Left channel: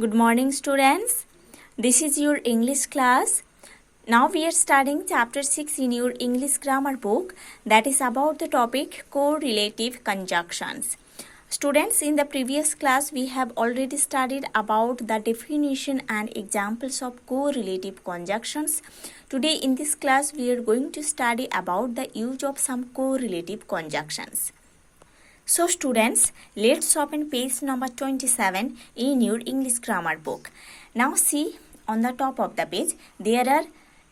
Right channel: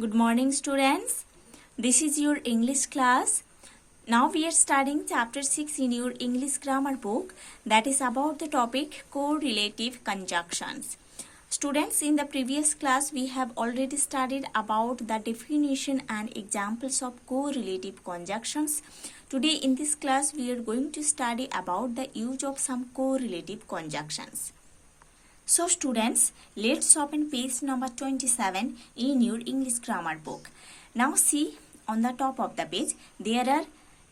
Good morning, students. This is your English class. Now we are studying chapter 6 in your English grammar book, that is about the topic correlative conjunctions. Students, in the previous class we have already studied about the definition and examples of correlative conjunctions. Today in this class we are going to study about the use of some correlative conjunctions. So students, let's open page number 27 in your English grammar book. Now see, on the top of the page there are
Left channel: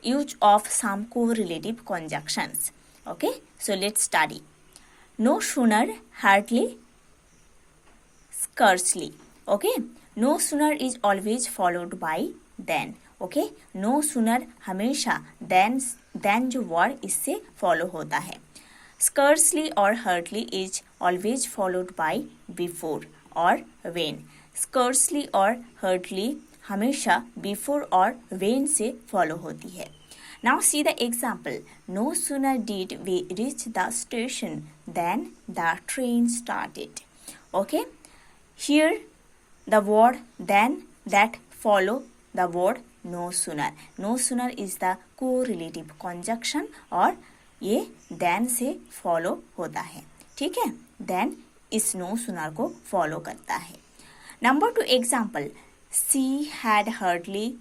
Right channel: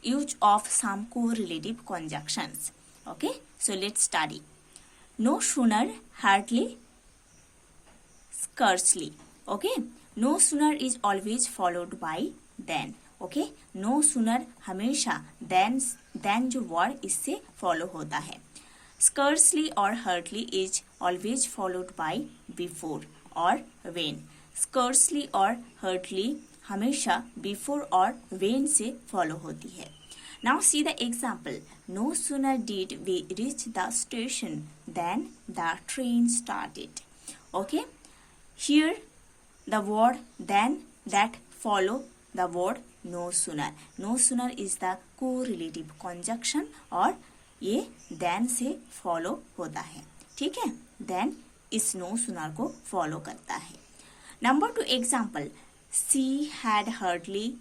use of some correlative conjunctions. Okay, so let's study. No sooner, hardly, scarcely. Okay, no sooner is always followed by then. Okay, no sooner हमेशा then जो word इससे follow होता है. Scarcely or hardly is always followed by before or when. Scarcely or hardly हमेशा before or when से follow होती है. Now see the example. No sooner did we reach the station than the train started. Okay. Here the word then that follow the word no sooner. No sooner is the correlative conjunction और ये then से follow होता है. ठीक है, then इस no sooner को follow करता है. Number 2 example. She had hardly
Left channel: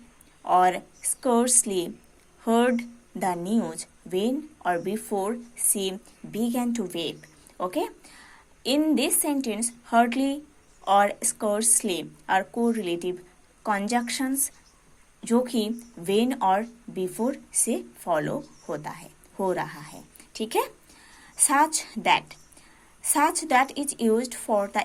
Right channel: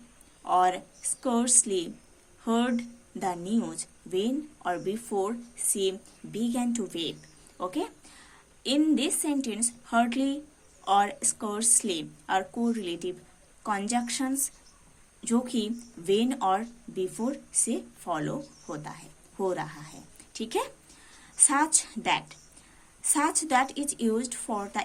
or scarcely heard the news when or before she began to weep. Okay. In this sentence, hardly और scarcely are correlative conjunctions जो कि when और before से follow होता है, हो रहा है. ठीक है. Such that is used for the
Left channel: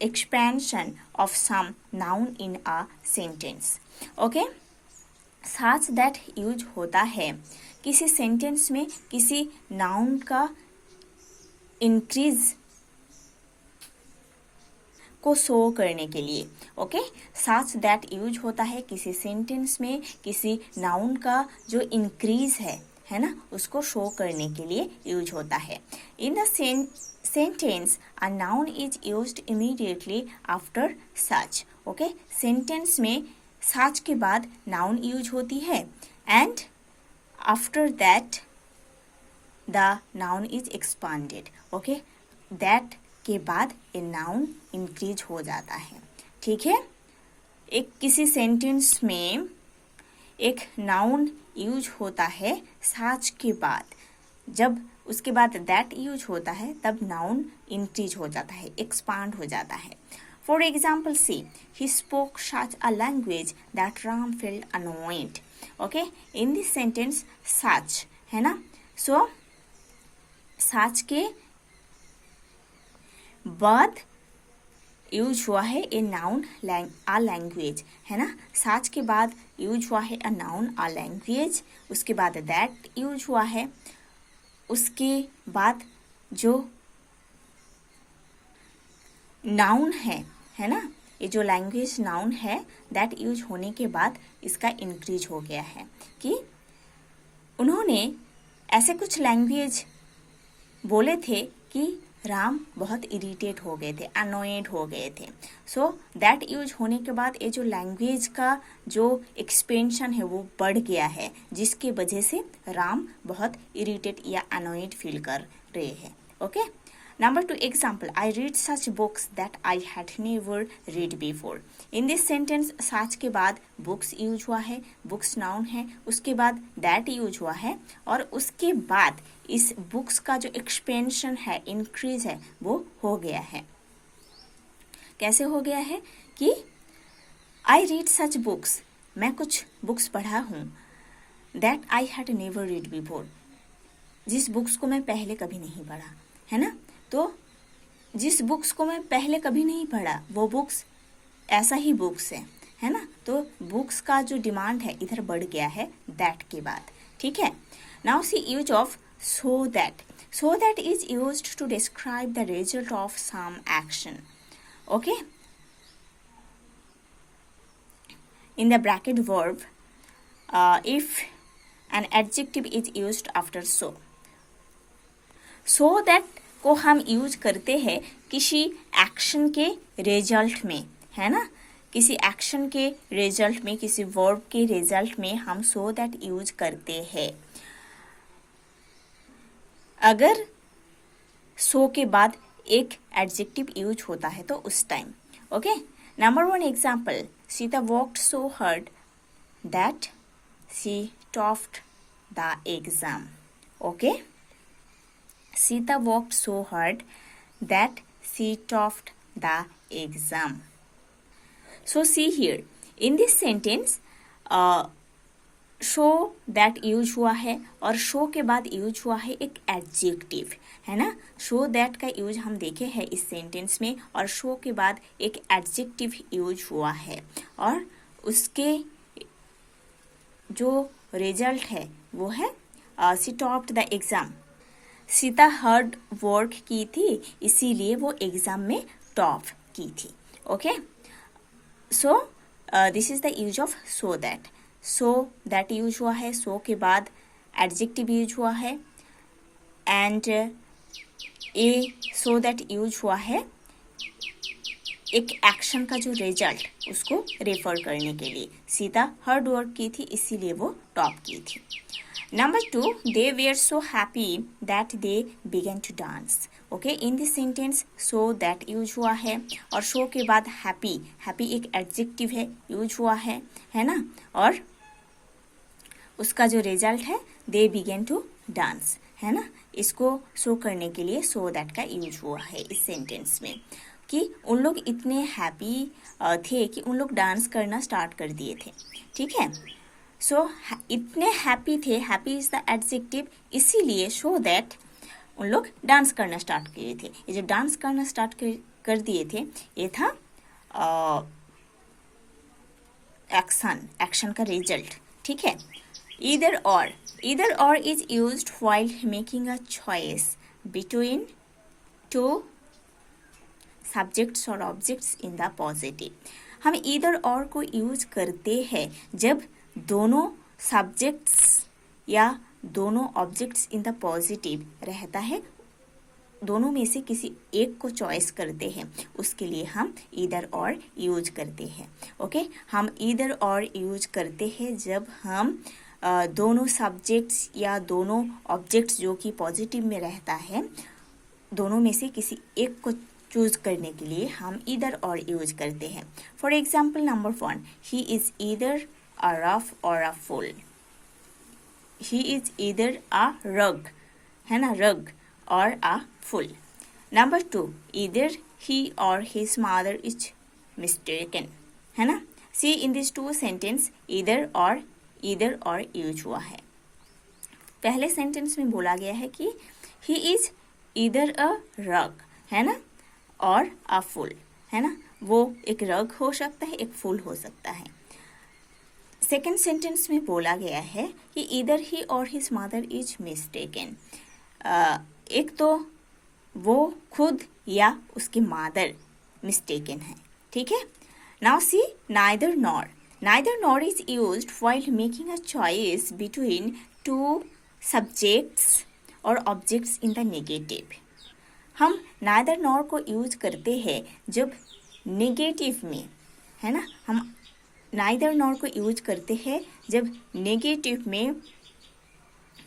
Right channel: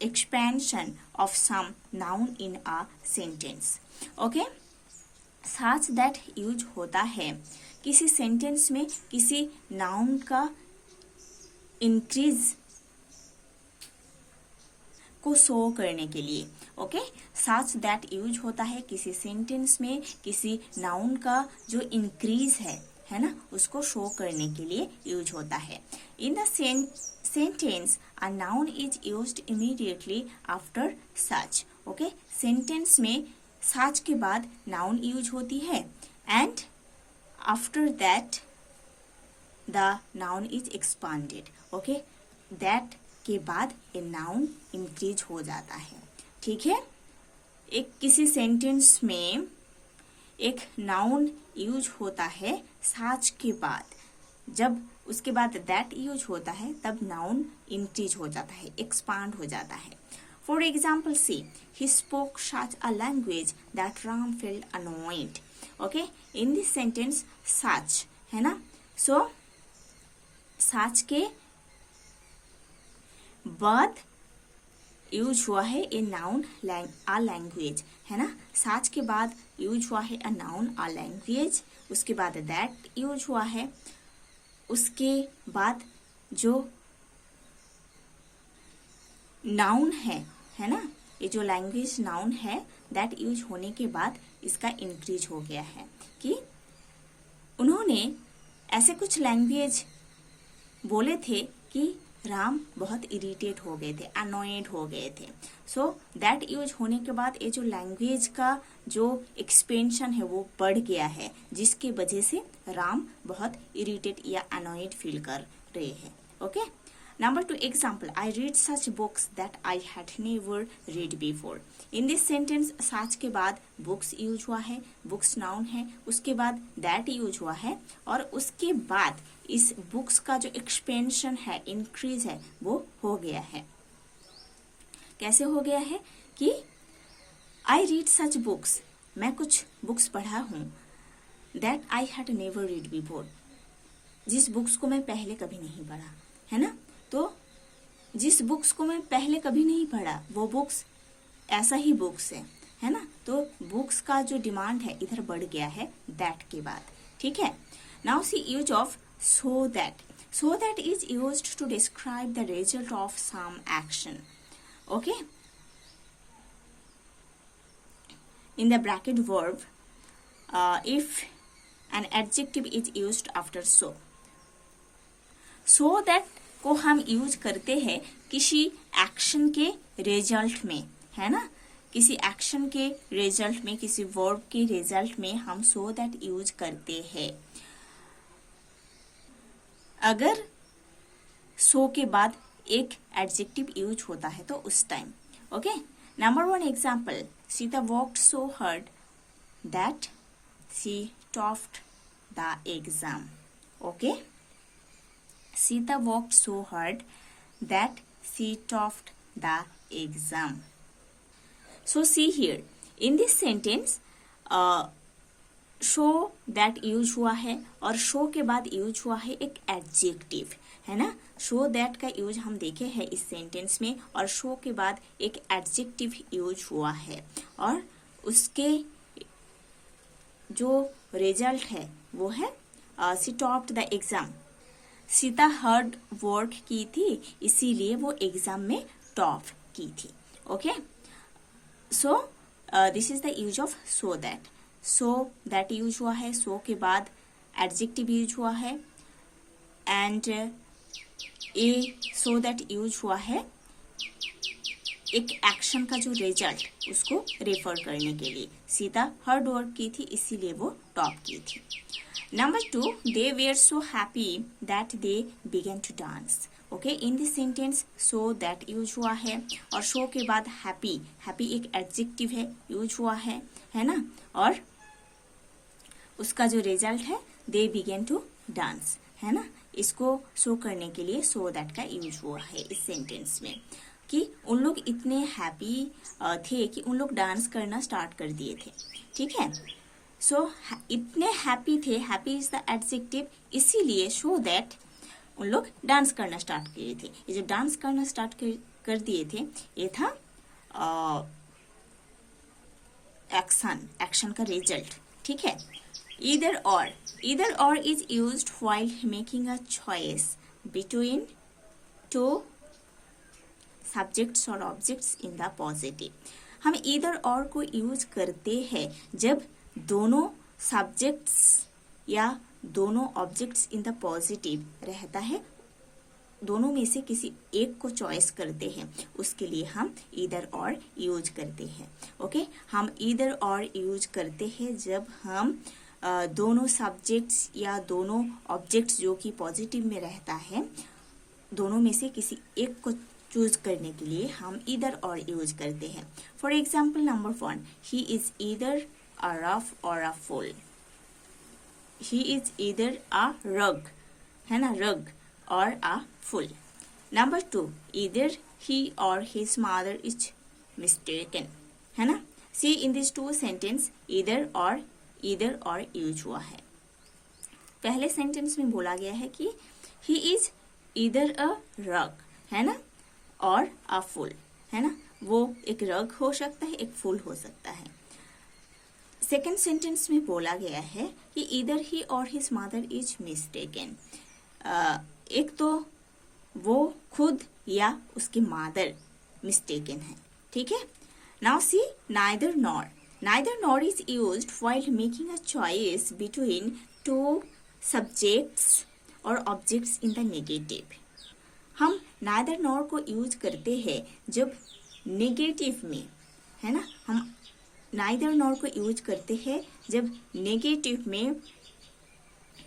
expansion of some noun in a sentence. Okay. Such that use होता है किसी सेंटेंस में किसी नाउन का इंक्रीज को शो करने के लिए. ओके, सच दैट यूज होता है किसी सेंटेंस में किसी नाउन का जो इंक्रीज है ना, उसको शो करने के लिए यूज होता है. In the sentence a noun is used immediately after such. Okay, sentence में सच के बाद नाउन यूज होती है and after that the noun is expanded. Okay, that के बाद ए नाउन इंक्रीज हो जाता है. ठीक है. एक किसी सेंटेंस में एक नाउन यूज होता है सच के बाद, जब उसके बाद दैट यूज होता है तब नाउन इंक्रीज हो जाता है, एक्सपांड हो जाता है. For example see, he spoke such a language that Ram felt annoyed. Okay, in this sentence such है ना, सो सच के बाद यूज हुआ है ए नाउन आ लैंग्वेज है ना. सच के बाद यूज हुआ है अ नाउन आ लैंग्वेज, उसके बाद दैट यूज हुआ है, उसके बाद जो नाउन है ना, ये जो लैंग्वेज नाउन है दैट यूज होने के बाद इसका इंक्रीज हो गया है कि उन्होंने ऐसे कुछ लैंग्वेज बोले थे कि राम बहुत इरिटेट हो गए थे, अनोयड हो गए थे. सो दैट यूज होने के बाद ये जो लैंग्वेज का जो एक्सपेंशन है वो बढ़ गया है, जिसके वजह से राम बहुत इरिटेट या अनोयड फील कर रहे हैं. Okay. Number 2 example. I read such books that I had never read before. In this sentence such के बाद बुक्स यूज हुआ है, बुक्स नाउन है, उसके बाद दैट यूज हुआ है और उसके बाद इस बुक्स का जो एक्सपेंशन है, इंक्रीज है, वो हो गया है. कैसे हो गया है कि आई रीड सच बुक्स, मैं कुछ बुक्स पढ़ा हूं, that I had never read before, जिस बुक्स को मैं पहले कभी नहीं पढ़ा है ना. तो जिस बुक्स को मैं पहले कभी नहीं पढ़ा वो बुक्स ऐसा ही बुक्स है ना. तो बुक्स का जो डिमांड है इधर बढ़ गया है दैट के बाद. ठीक है. Now see use of so that is used to describe the result of some action. Okay, in the bracket verb, if an adjective is used after so that को हम यूज करते हैं किसी एक्शन के रिजल्ट में, है ना. किसी एक्शन के रिजल्ट में, किसी वर्ब के रिजल्ट में हम सो दैट यूज करते हैं। अगर सो के बाद एक एडजेक्टिव यूज होता है तो उस time. Okay, number 1 example, Sita walked so hard that she topped the exam. Okay, Sita walked so hard that she topped the exam. So see here, in this sentence, show that use हुआ है और so के बाद use हुआ है एक adjective, है ना। शो दैट का यूज हम देखे हैं इस सेंटेंस में, और शो के बाद एक एडजेक्टिव यूज हुआ है, और उसके जो रिजल्ट है वो है she topped the exam. Sita hard work की थी, इसीलिए वो एग्जाम में टॉप की थी। Okay, so this is the use of so that. So that use हुआ है, सो के बाद एडजेक्टिव यूज हुआ है, and A so that use हुआ है एक एक्शन का जो रिजल्ट उसको रेफर करने के लिए। सीता हार्ड वर्क की थी, इसीलिए वो टॉप की थी। Number 2, they were so happy that they began to dance. Okay, in this sentence so that use हुआ है, और शो के बाद हैप्पी, हैप्पी एक एडजेक्टिव है, यूज हुआ है ना, और उसका जो रिजल्ट है दे बिगन टू डांस, है ना। इसको शो करने के लिए सो दैट का यूज हुआ है इस सेंटेंस में, कि उन लोग इतने हैप्पी थे कि उन लोग डांस करना स्टार्ट कर दिए थे। ठीक है, सो इतने हैप्पी थे, हैप्पी इज द एडजेक्टिव, इसीलिए शो दैट उन लोग डांस करना स्टार्ट किए थे। ये जो डांस करना स्टार्ट कर दिए थे, ये था एक्शन का रिजल्ट। ठीक है, ईदर और is used while making a choice between two subjects और ऑब्जेक्ट्स इन द पॉजिटिव। हम ईदर और को यूज करते हैं जब दोनों सब्जेक्ट्स या दोनों ऑब्जेक्ट्स इन द पॉजिटिव रहता है, दोनों में से किसी एक को चॉइस करते हैं, उसके लिए हम ईदर और यूज करते हैं। ओके, हम ईदर और यूज करते हैं जब हम दोनों सब्जेक्ट्स या दोनों ऑब्जेक्ट्स जो कि पॉजिटिव में रहता है, दोनों में से किसी एक को चूज करने के लिए हम ईदर और यूज करते हैं। For example, number 1, he is either a rough or a fool. He is either a rogue, है ना, rogue, or a fool. Number 2, either he or his mother is mistaken, है ना। See in this 2 sentence either or use हुआ है। पहले sentence में बोला गया है कि ही इज ईदर अ रग, है ना, और अ फुल, है ना। वो एक रग हो सकता है, एक फुल हो सकता है। सेकेंड सेंटेंस में बोला गया है कि either he or his mother is mistaken. एक तो वो खुद या उसकी मदर मिस्टेकन है। ठीक है, now see neither nor is used while making a choice between two subjects और ऑब्जेक्ट्स इन द नेगेटिव। हम नाइदर नॉर को यूज करते हैं जब नेगेटिव में, है ना। हम नाइदर नॉर को यूज करते हैं जब नेगेटिव में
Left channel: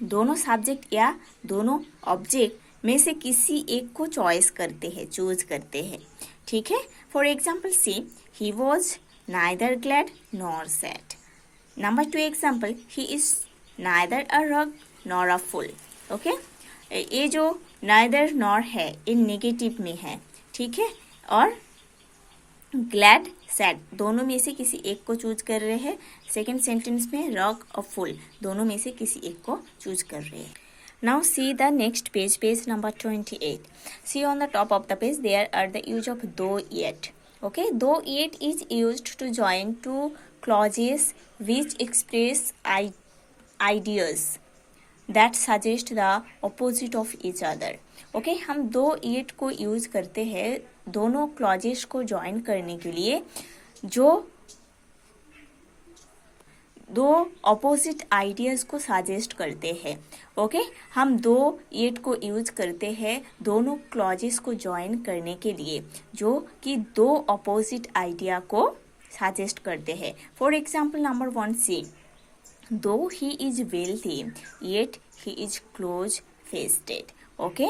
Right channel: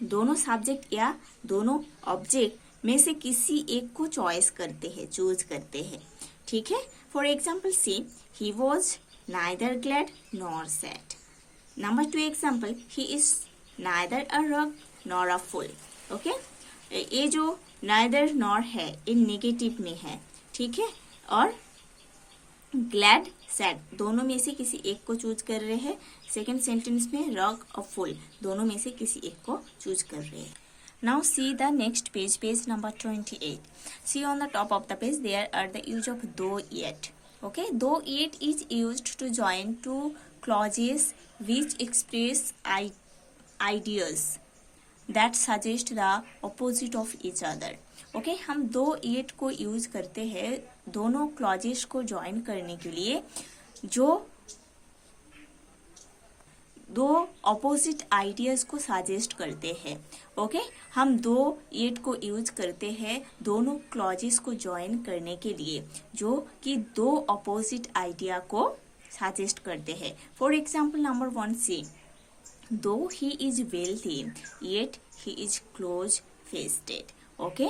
दोनों सब्जेक्ट या दोनों ऑब्जेक्ट में से किसी एक को चॉइस करते हैं, चूज करते हैं। ठीक है, for example see he was neither glad nor sad. Number 2 example, he is neither a rug nor a full. Okay, ये जो नाइदर नॉर है इन नेगेटिव में है। ठीक है, और ग्लैड सैड दोनों में से किसी एक को चूज कर रहे हैं। सेकेंड सेंटेंस में रग और फुल दोनों में से किसी एक को चूज कर रहे हैं। Now see the next page, page number 28. See on the top of the page there are the use of though yet. Okay, though yet is used to join two clauses which express ideas that suggest the opposite of each other. Okay, हम दो yet को use करते हैं दोनों clauses को join करने के लिए जो दो ऑपोजिट आइडियाज को सजेस्ट करते हैं। ओके, हम दो येट को यूज करते हैं दोनों क्लॉजेस को ज्वाइन करने के लिए जो कि दो ऑपोजिट आइडिया को सजेस्ट करते हैं। फॉर एग्जाम्पल नंबर 1 सी, दो he is wealthy yet he is close fisted. Okay,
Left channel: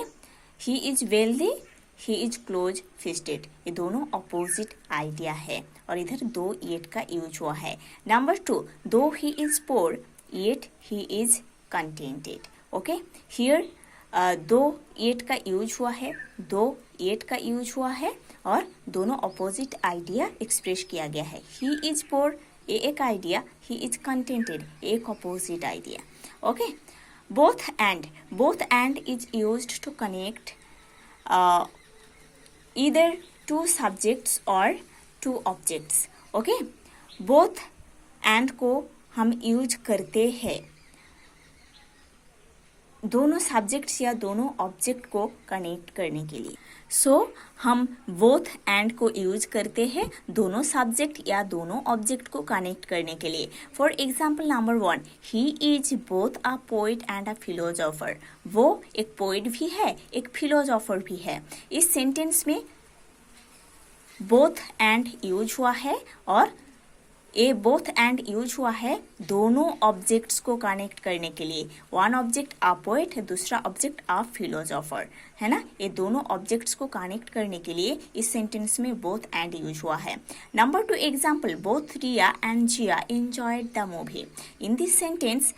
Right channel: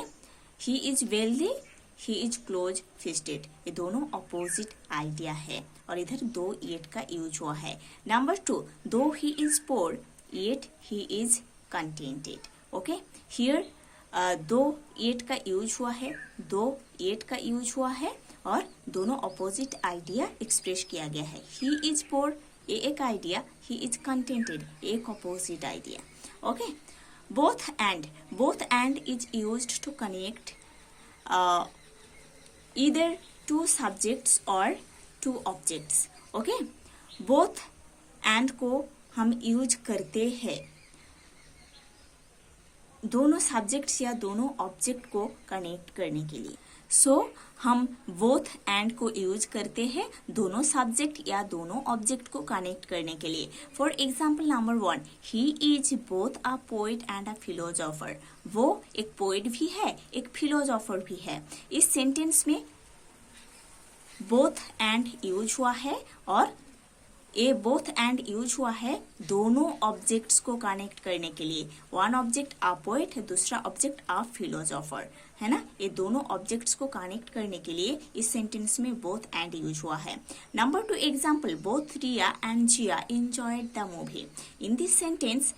he is wealthy, he is close fisted, ये दोनों अपोजिट आइडिया है और इधर दो येट का यूज हुआ है। Number 2, though he is poor yet he is contented. Okay, here though yet का यूज हुआ है, दो येट का यूज हुआ है और दोनों अपोजिट आइडिया एक्सप्रेस किया गया है। ही इज पोर ये एक आइडिया, ही इज कंटेंटेड एक opposite idea. Okay, both and is used to connect either two subjects or two objects. Okay, both and को हम यूज करते हैं दोनों सब्जेक्ट्स या दोनों ऑब्जेक्ट को कनेक्ट करने के लिए। हम बोथ एंड को यूज करते हैं दोनों सब्जेक्ट या दोनों ऑब्जेक्ट को कनेक्ट करने के लिए। For example number 1, he is both a poet and a philosopher. वो एक पोइट भी है, एक फिलोसोफर भी है। इस सेंटेंस में बोथ एंड यूज हुआ है और ये बोथ एंड यूज हुआ है दोनों ऑब्जेक्ट्स को कनेक्ट करने के लिए। वन ऑब्जेक्ट आ पोएट है, दूसरा ऑब्जेक्ट आ फिलोसोफर, है ना। ये दोनों ऑब्जेक्ट्स को कनेक्ट करने के लिए इस सेंटेंस में बोथ एंड यूज हुआ है। Number 2 example, both Riya and Jiya enjoyed the movie. In this sentence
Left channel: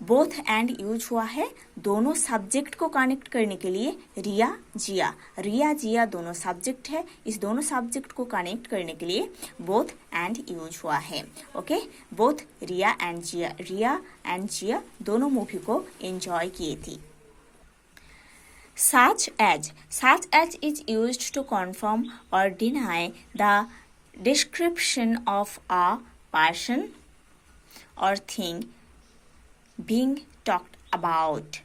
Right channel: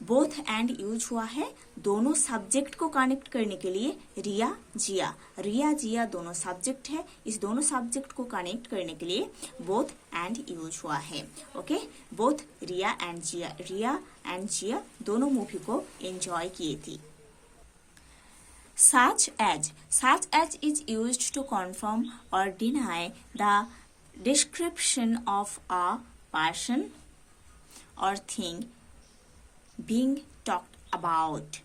both and use हुआ है दोनों सब्जेक्ट को कनेक्ट करने के लिए। रिया जिया दोनों सब्जेक्ट है, इस दोनों सब्जेक्ट को कनेक्ट करने के लिए बोथ एंड यूज हुआ है। ओके, बोथ रिया एंड जिया दोनों मूवी को एंजॉय किए थी। such as is used to confirm or deny the description of a person or thing being talked about।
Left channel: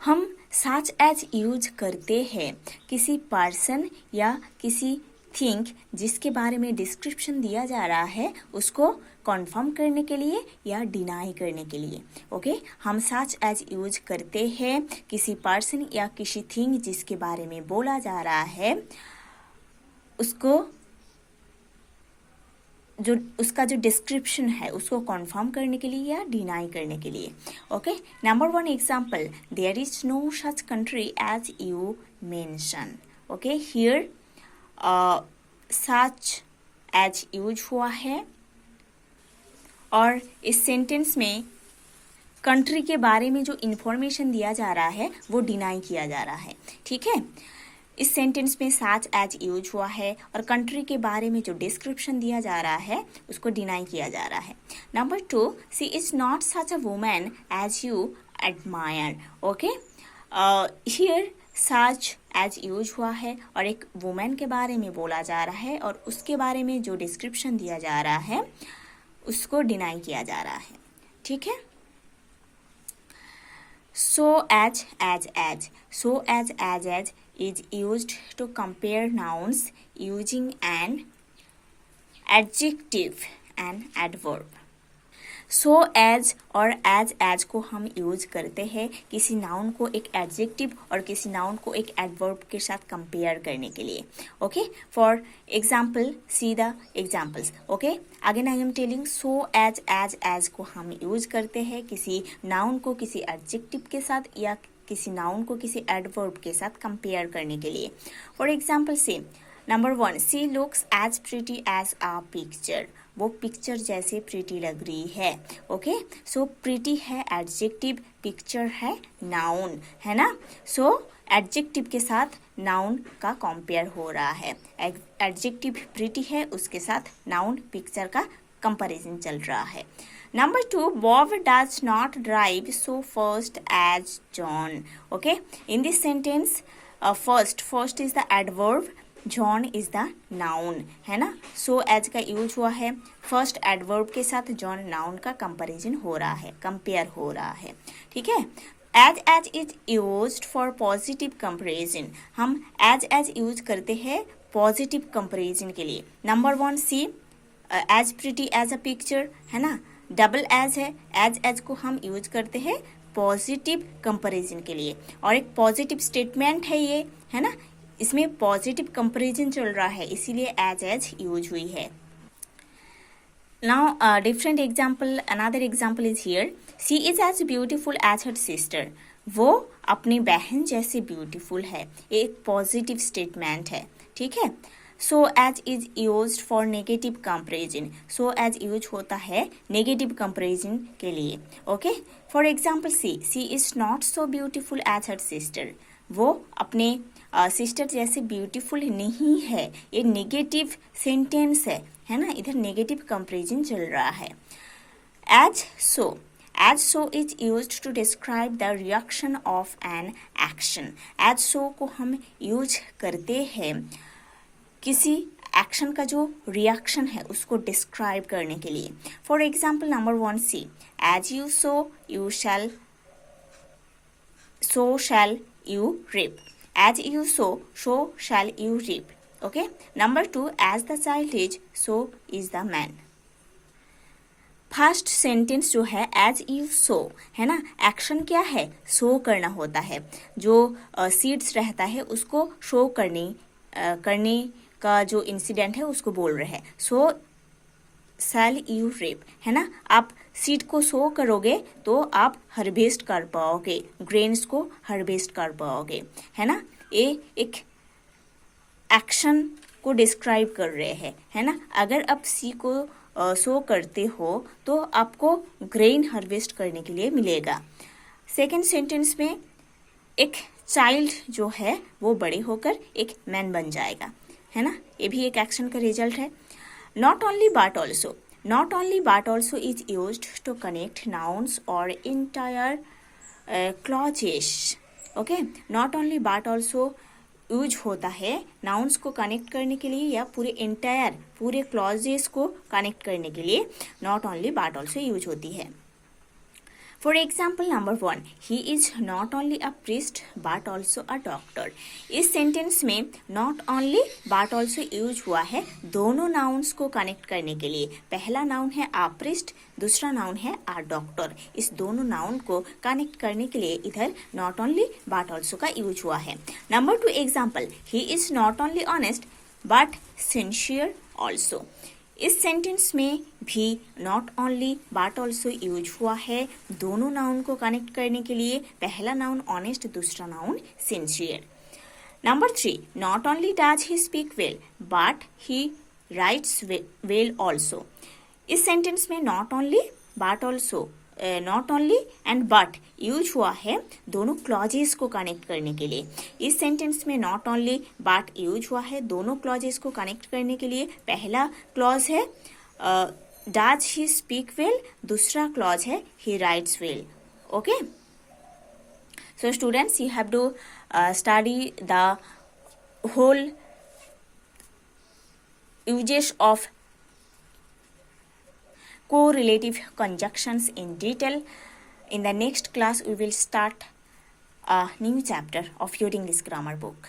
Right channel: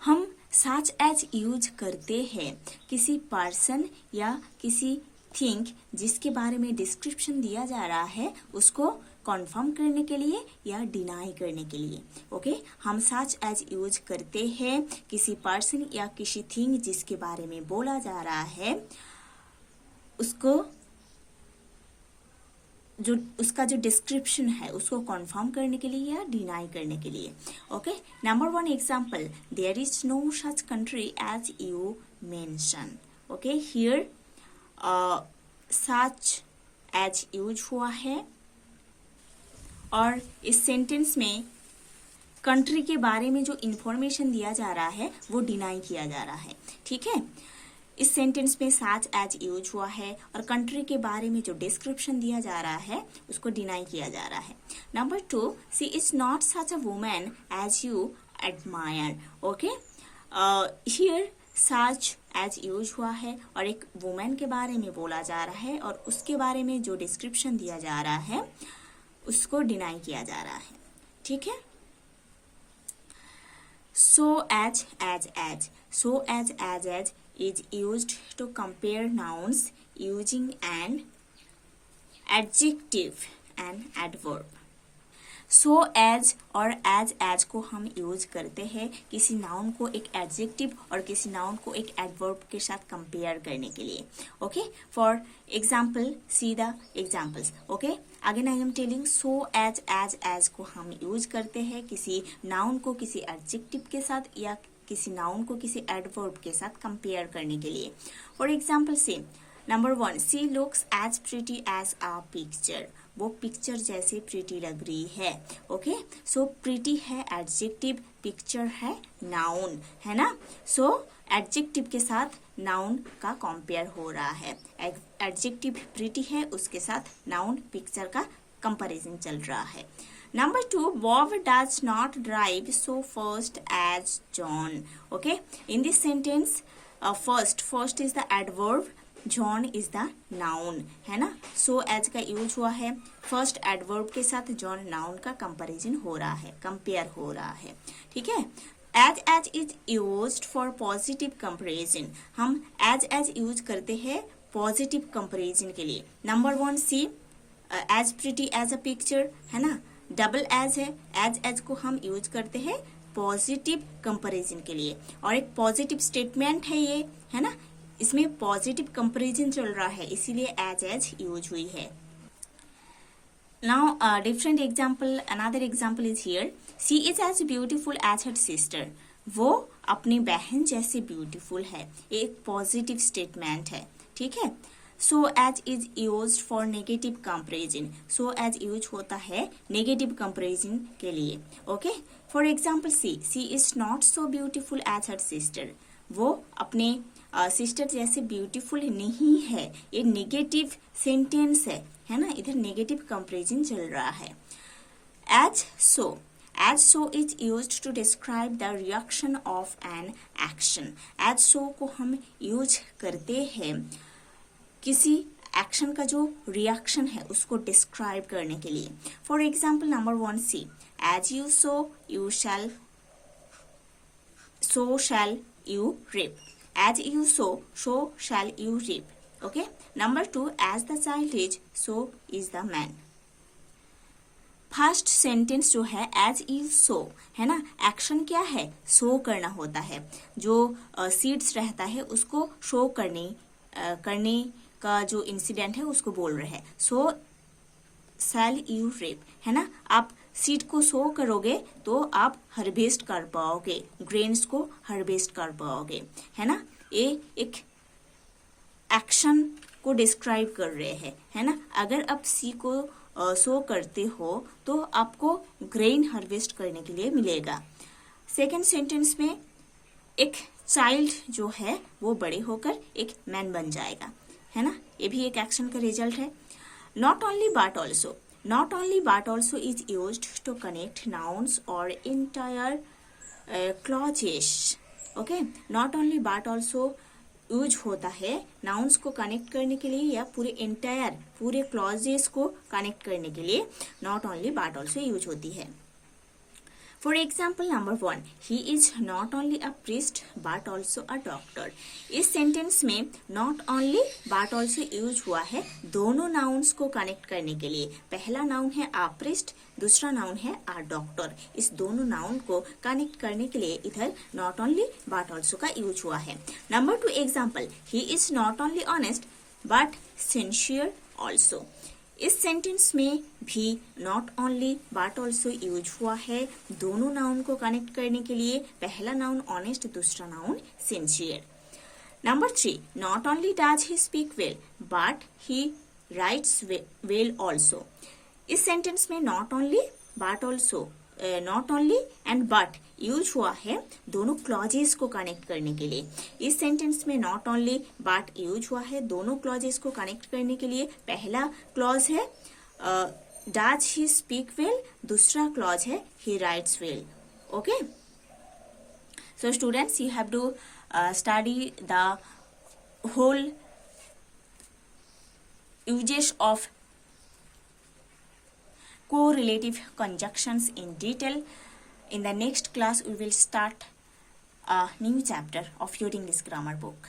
हम such as यूज करते हैं किसी पर्सन या किसी थिंग जिसके बारे में डिस्क्रिप्शन दिया जा रहा है उसको कन्फर्म करने के लिए या डिनाई करने के लिए। ओके, हम सच एज यूज करते हैं किसी पर्सन या किसी थिंग जिसके बारे में बोला जा रहा है उसको उसका जो डिस्क्रिप्शन है उसको कन्फर्म करने के लिए या डिनाई करने के लिए। Okay, number 1 example, there is no such country as you mention. Okay, here such as use हुआ है और इस सेंटेंस में कंट्री के बारे में जो इंफॉर्मेशन दिया जा रहा है वो डिनाई किया जा रहा है। ठीक है, इस सेंटेंस में सच एज यूज हुआ है और कंट्री के बारे में जो डिस्क्रिप्शन दिया जा रहा है उसको डिनाई किया जा रहा है। Number 2, she is not such a woman as you admire. Okay, here such as use हुआ है और एक वुमेन के बारे में बोला जा रहा है और उसके बारे में जो डिस्क्रिप्शन दिया जा रहा है उसको डिनाई किया जा रहा है। ठीक है, so as is used to compare nouns using an adjective and adverb। so as और as को हम यूज करते हैं किसी नाउन को एक एडजेक्टिव और किसी नाउन को एक एडवर्ब के साथ कंपेयर करने के लिए। Okay, for example see the examples. Okay, again I am telling, so as को हम यूज करते हैं किसी नाउन को किसी एडजेक्टिव के साथ या किसी नाउन को किसी एडवर्ब के साथ कंपेयर करने के लिए। फॉर एग्जाम्पल से number 1, she looks as pretty as a picture. वो पिक्चर जैसे प्रिटी लग रही है। ओके, सो प्रिटी है एडजेक्टिव, पिक्चर है नाउन, है ना। सो एडजेक्टिव के साथ नाउन का कंपेयर हो रहा है। एडजेक्टिव प्रिटी है, उसके साथ नाउन पिक्चर का कंपैरिजन चल रहा है। Number 2, Bob does not drive so fast as John. Okay, in this sentence, first is the adverb, John is the noun, है ना। So as का यूज हुआ है, फर्स्ट एडवर्ब के साथ John नाउन का कंपैरिजन हो रहा है, कंपेयर हो रहा है। ठीक है, as is used for positive comparison। हम as यूज करते हैं पॉजिटिव कंपैरिजन के लिए। Number 1 C as pretty as a picture, है ना। डबल एज है, एज को हम यूज करते हैं पॉजिटिव कंपैरिजन के लिए और एक पॉजिटिव स्टेटमेंट है ये, है ना। इसमें पॉजिटिव कंपैरिजन चल रहा है इसीलिए एज यूज हुई है। Now, different example, another example is here. She is as beautiful as her sister. वो अपनी बहन जैसे ब्यूटीफुल है. ये एक पॉजिटिव स्टेटमेंट है. ठीक है. So as is used for negative comparison. So as use होता है negative comparison के लिए. Okay. For example, she is not so beautiful as her sister. वो अपने सिस्टर जैसे ब्यूटीफुल नहीं है. ये नेगेटिव सेंटेंस है ना. इधर नेगेटिव कंपेरिजन चल रहा है. As so is used to describe the reaction of an action. As so को हम यूज करते हैं किसी एक्शन का जो रिएक्शन है उसको डिस्क्राइब करने के लिए. For example number 1 C. As you sow you shall so shall you reap. As you sow, so shall you reap. Okay. Number 2, as the child is, so is the man. First sentence जो है as you सो है ना. Action क्या है? सो करना होता है. जो सीड्स रहता है उसको शो करने का जो इंसिडेंट है उसको बोल रहे हैं. सो शैल यू रेप है ना. आप सीड को सो करोगे तो आप हार्वेस्ट कर पाओगे, ग्रेन्स को हार्वेस्ट कर पाओगे है ना. ये एक एक्शन को डिस्क्राइब कर रहे हैं है ना. अगर आप सी को सो करते हो तो आपको ग्रेन हार्वेस्ट करने के लिए मिलेगा. सेकेंड सेंटेंस में एक चाइल्ड जो है वो बड़े होकर एक मैन बन जाएगा है ना. ये भी एक एक्शन का रिजल्ट है. Not only but also. Not only but also is used to connect nouns or entire clauses. Okay? Not only but also use होता है नाउन्स को कनेक्ट करने के लिए या पूरे क्लॉजेस को कनेक्ट करने के लिए. Not only but also use होती है. For example number 1, he is not only a priest but also a doctor. इस सेंटेंस में not only but also use हुआ है दोनों नाउन्स को कनेक्ट करने के लिए. पहला नाउन है अ प्रिस्ट, दूसरा नाउन है अ डॉक्टर. इस दोनों नाउन को कनेक्ट करने के लिए इधर नॉट ओनली बट ऑल्सो का यूज हुआ है. Number 2 example, he is not only honest but sincere also. इस सेंटेंस में भी not only but also use हुआ है दोनों नाउन को कनेक्ट करने के लिए. पहला नाउन ऑनेस्ट, दूसरा noun sincere. Number 3, not only does he speak well but he writes well also. इस सेंटेंस में not only but also, not only and but use हुआ है दोनों क्लॉजेस को कनेक्ट करने के लिए. इस सेंटेंस में नॉट ओनली बट यूज हुआ है दोनों क्लॉजेस को कनेक्ट करने के लिए. पहला क्लॉज है डज ही स्पीक वेल, दूसरा क्लॉज है he writes well. Okay. So students, you have to study the whole uses of correlative conjunctions in detail. In the next class, we will start a new chapter of your English grammar book.